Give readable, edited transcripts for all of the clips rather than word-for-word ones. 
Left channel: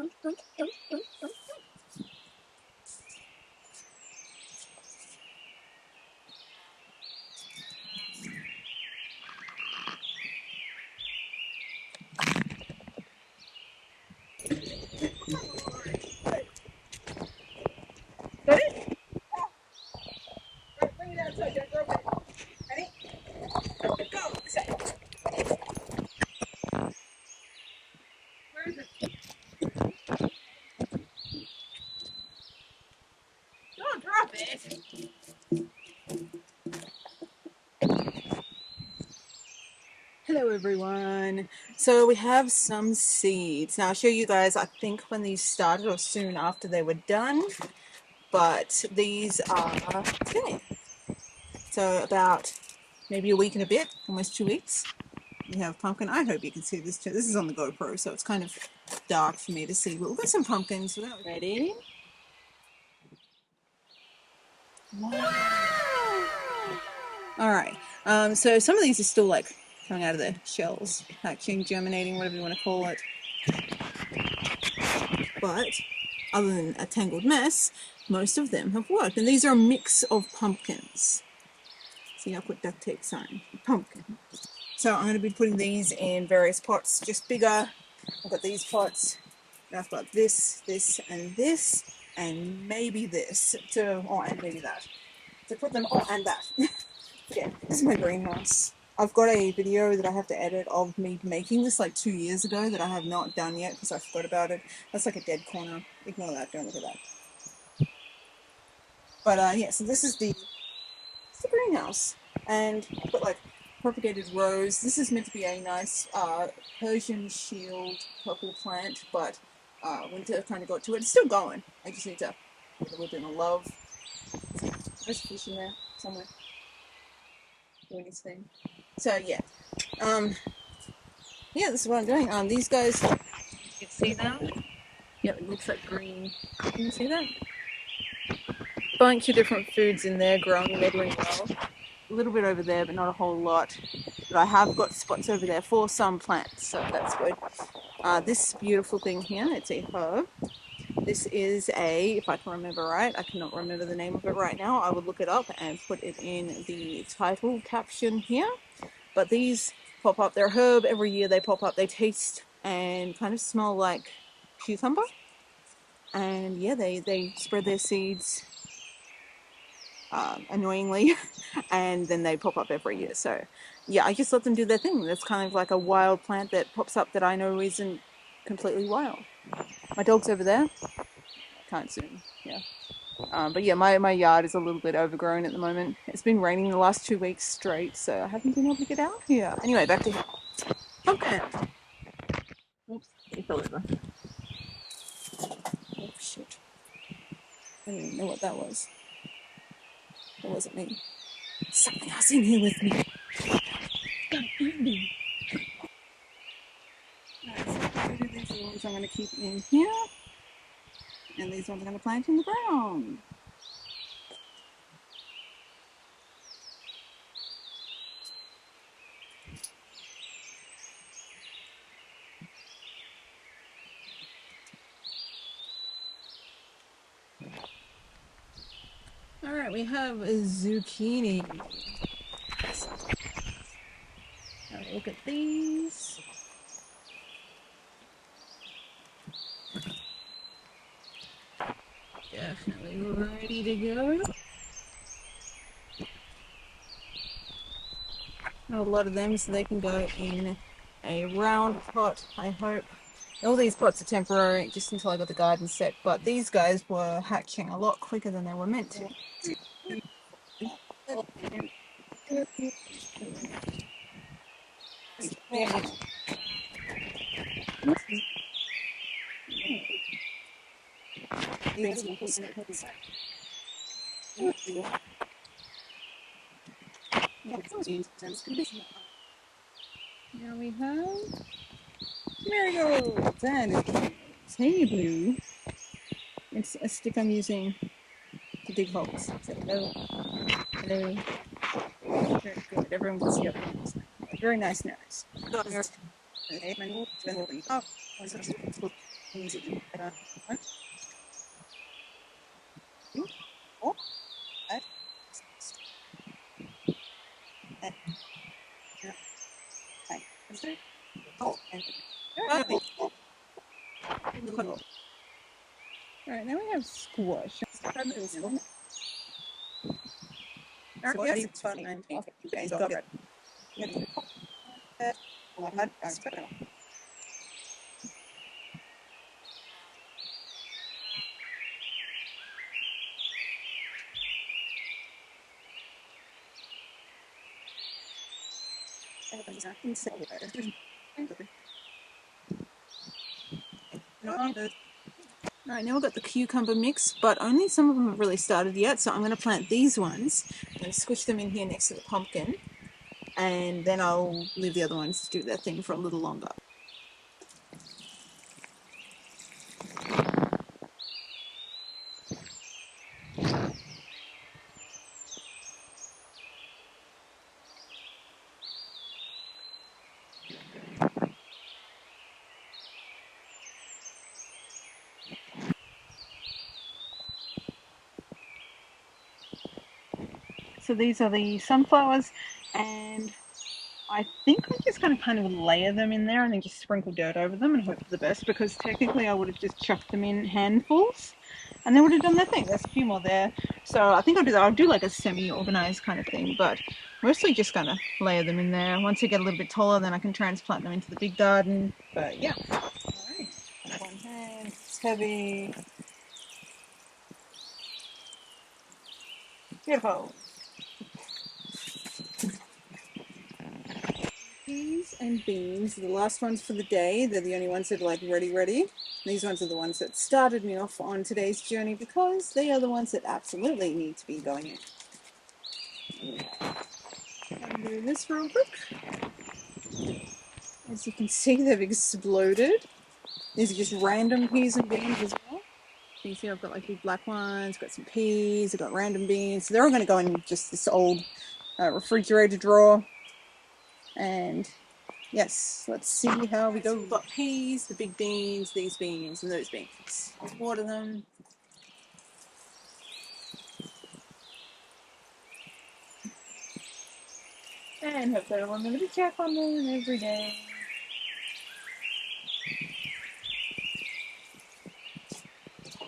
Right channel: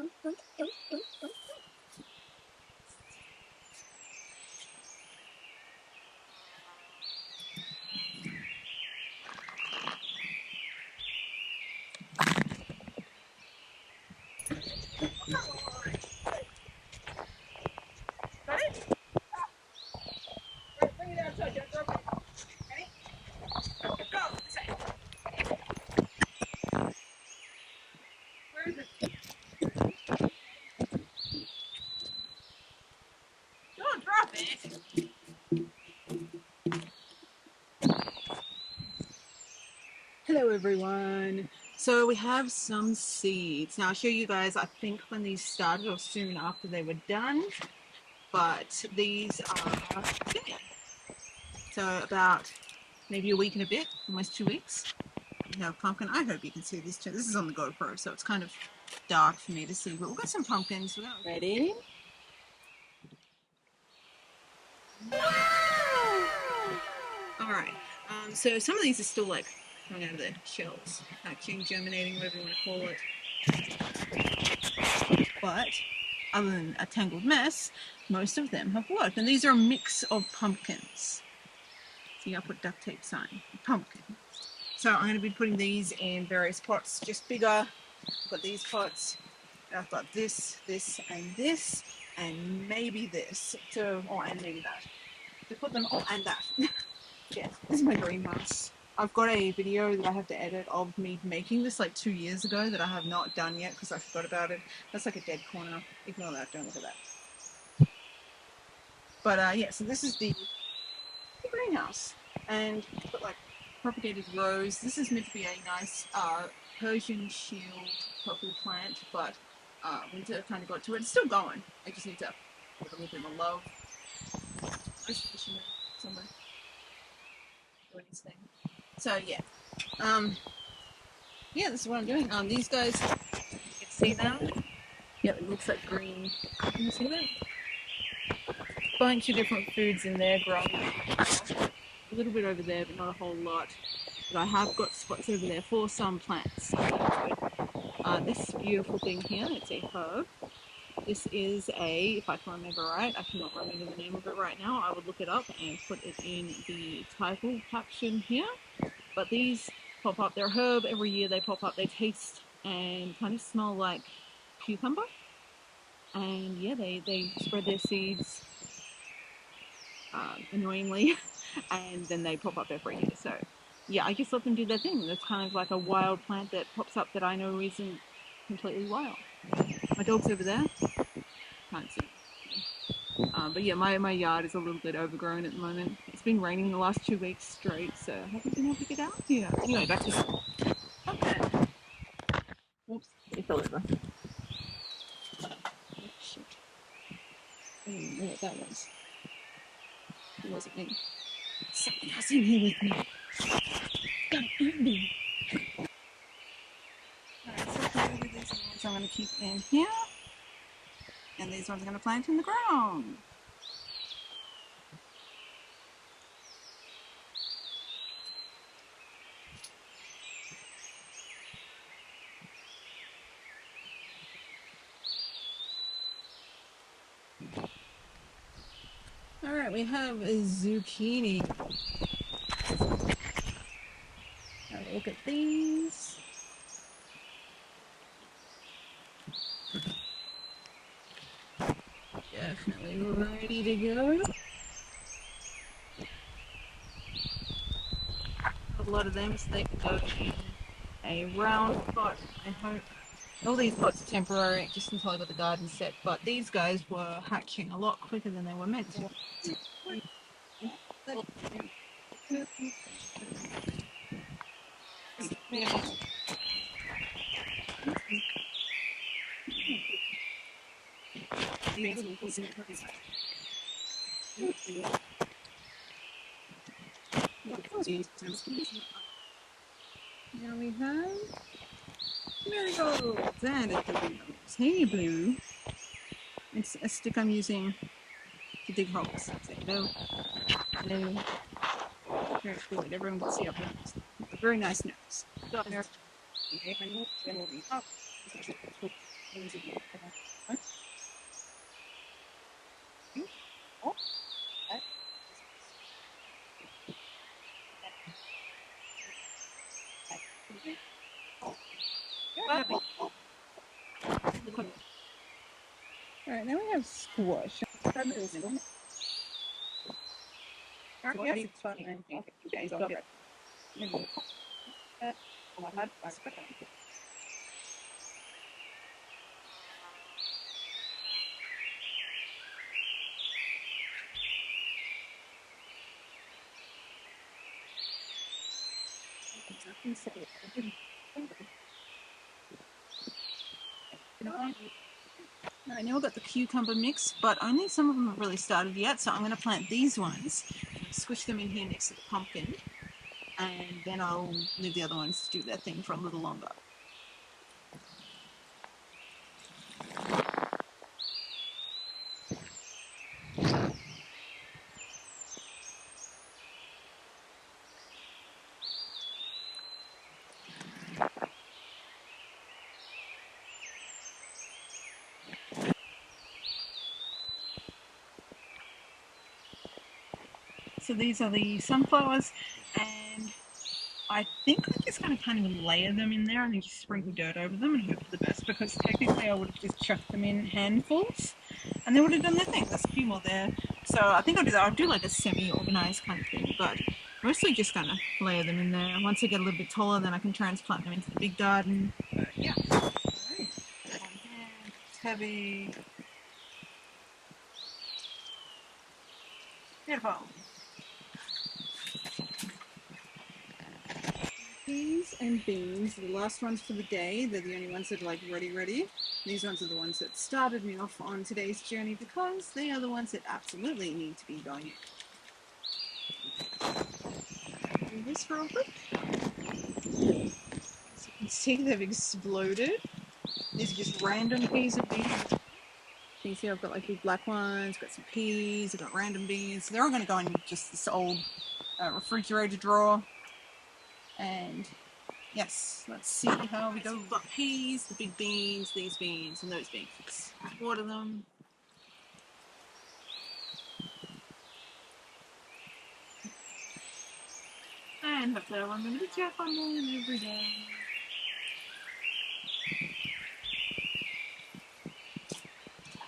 Bring it outside, don't drop it. Ready? Go! Say. Where is it? Don't drop it! Hello everyone. So we have some seeds. Now I'll show you guys, I think when these started or soon after they were done. But these are thinning. So about maybe a week and a bit, almost 2 weeks. We have pumpkin. I hope you can see this too. This is on the GoPro, so it's kind of dark for me to see. But we've got some pumpkins. Ready? Wow! Alright, so some of these are still like coming out of their shells, hatching, germinating, whatever you want to call it. But other than a tangled mess, most of them have worked. And these are a mix of pumpkins. See, I put duct tape sign, pumpkin. So I'm going to be putting these in various pots, just bigger. I've got these pots, and I've got this, and maybe this, and maybe that. To put them, and that. Yeah, this is my greenhouse. I've got a video that I have to edit of me making this like 2 years ago that I have not done yet because I forgot about it. That's like a dead corner. Ignore that, don't look at that. But yeah, so this is the greenhouse. And I've got like propagated rose. This is meant to be a nice Persian shield purple plant, but winter kind of got to it. It's still going. I just need to give it a little bit more love. There's fish in there somewhere doing its thing. So yeah. Yeah, this is what I'm doing. These guys, you can see that? Yep, it looks like green. Can you see that? Bunch of different foods in there growing, and they're doing well. A little bit over there, but not a whole lot. But I have got spots over there for some plants, so that's good. This beautiful thing here, it's a herb. This is a, if I can remember right, I cannot remember the name of it right now. I will look it up and put it in the title caption here. But these pop up. They're a herb. Every year they pop up. They taste and kind of smell like cucumber. And yeah, they spread their seeds annoyingly, and then they pop up every year. So yeah, I just let them do their thing. That's kind of like a wild plant that pops up that I know isn't completely wild. My dog's over there. Can't see him. Yeah. But yeah, my yard is a little bit overgrown at the moment. It's been raining the last 2 weeks straight, so I haven't been able to get out here. Anyway, back to pumpkin. Oops, he fell over. Oh shit. I don't even know what that was. It wasn't me. Something else in here with me. Got it in me. Alright, so these ones I'm going to keep in here. And these ones I'm going to plant in the ground. Alright, we have a zucchini. Have a look at these. Definitely ready to go. A lot of them, so they can go in a round pot, I hope. All these pots are temporary, just until I got the garden set, but these guys were hatching a lot quicker than they were meant to. Now we have marigolds and it's hey blue. It's a stick I'm using to dig holes. Say hello. Hello. Very good. Everyone can see up nose. Very nice nose. Easy. One, two, four, five, six, seven, eight, nine, 10. Oh, and all right, now we have squash. Squash. Okay, so got it. Alright, now we've got the cucumber mix, but only some of them have really started yet, so I'm going to plant these ones and squish them in here next to the pumpkin, and then I'll leave the other ones to do their thing for a little longer. So these are the sunflowers, and I think I'm just going to kind of layer them in there and then just sprinkle dirt over them and hope for the best, because technically I would have just chucked them in handfuls and they would have done their thing. There's a few more there. So I think I'll do that. I'll do like a semi-organized kind of thing, but mostly just going to layer them in there. Once they get a little bit taller, then I can transplant them into the big garden. But yeah. All right. One hand. It's heavy. Beautiful. Peas and beans, the last ones for the day. They're the only ones that are like ready. These ones are the ones that started me off on today's journey, because they are the ones that absolutely need to be going in. I'll do this real quick. As you can see, they've exploded. These are just random peas and beans as well. So you see I've got like big black ones, got some peas, I've got random beans. So they're all going to go in just this old refrigerator drawer. And yes, let's see how we go. We've got peas, the big beans, these beans, and those beans. Let's water them. And hopefully I'll remember to check on them every day.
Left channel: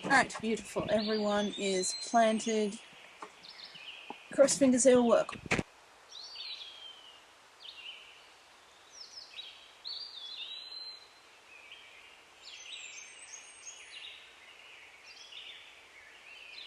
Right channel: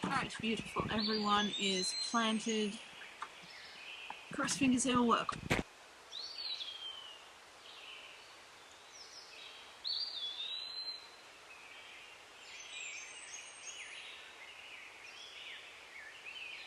Alright, beautiful. Everyone is planted. Cross fingers they will work.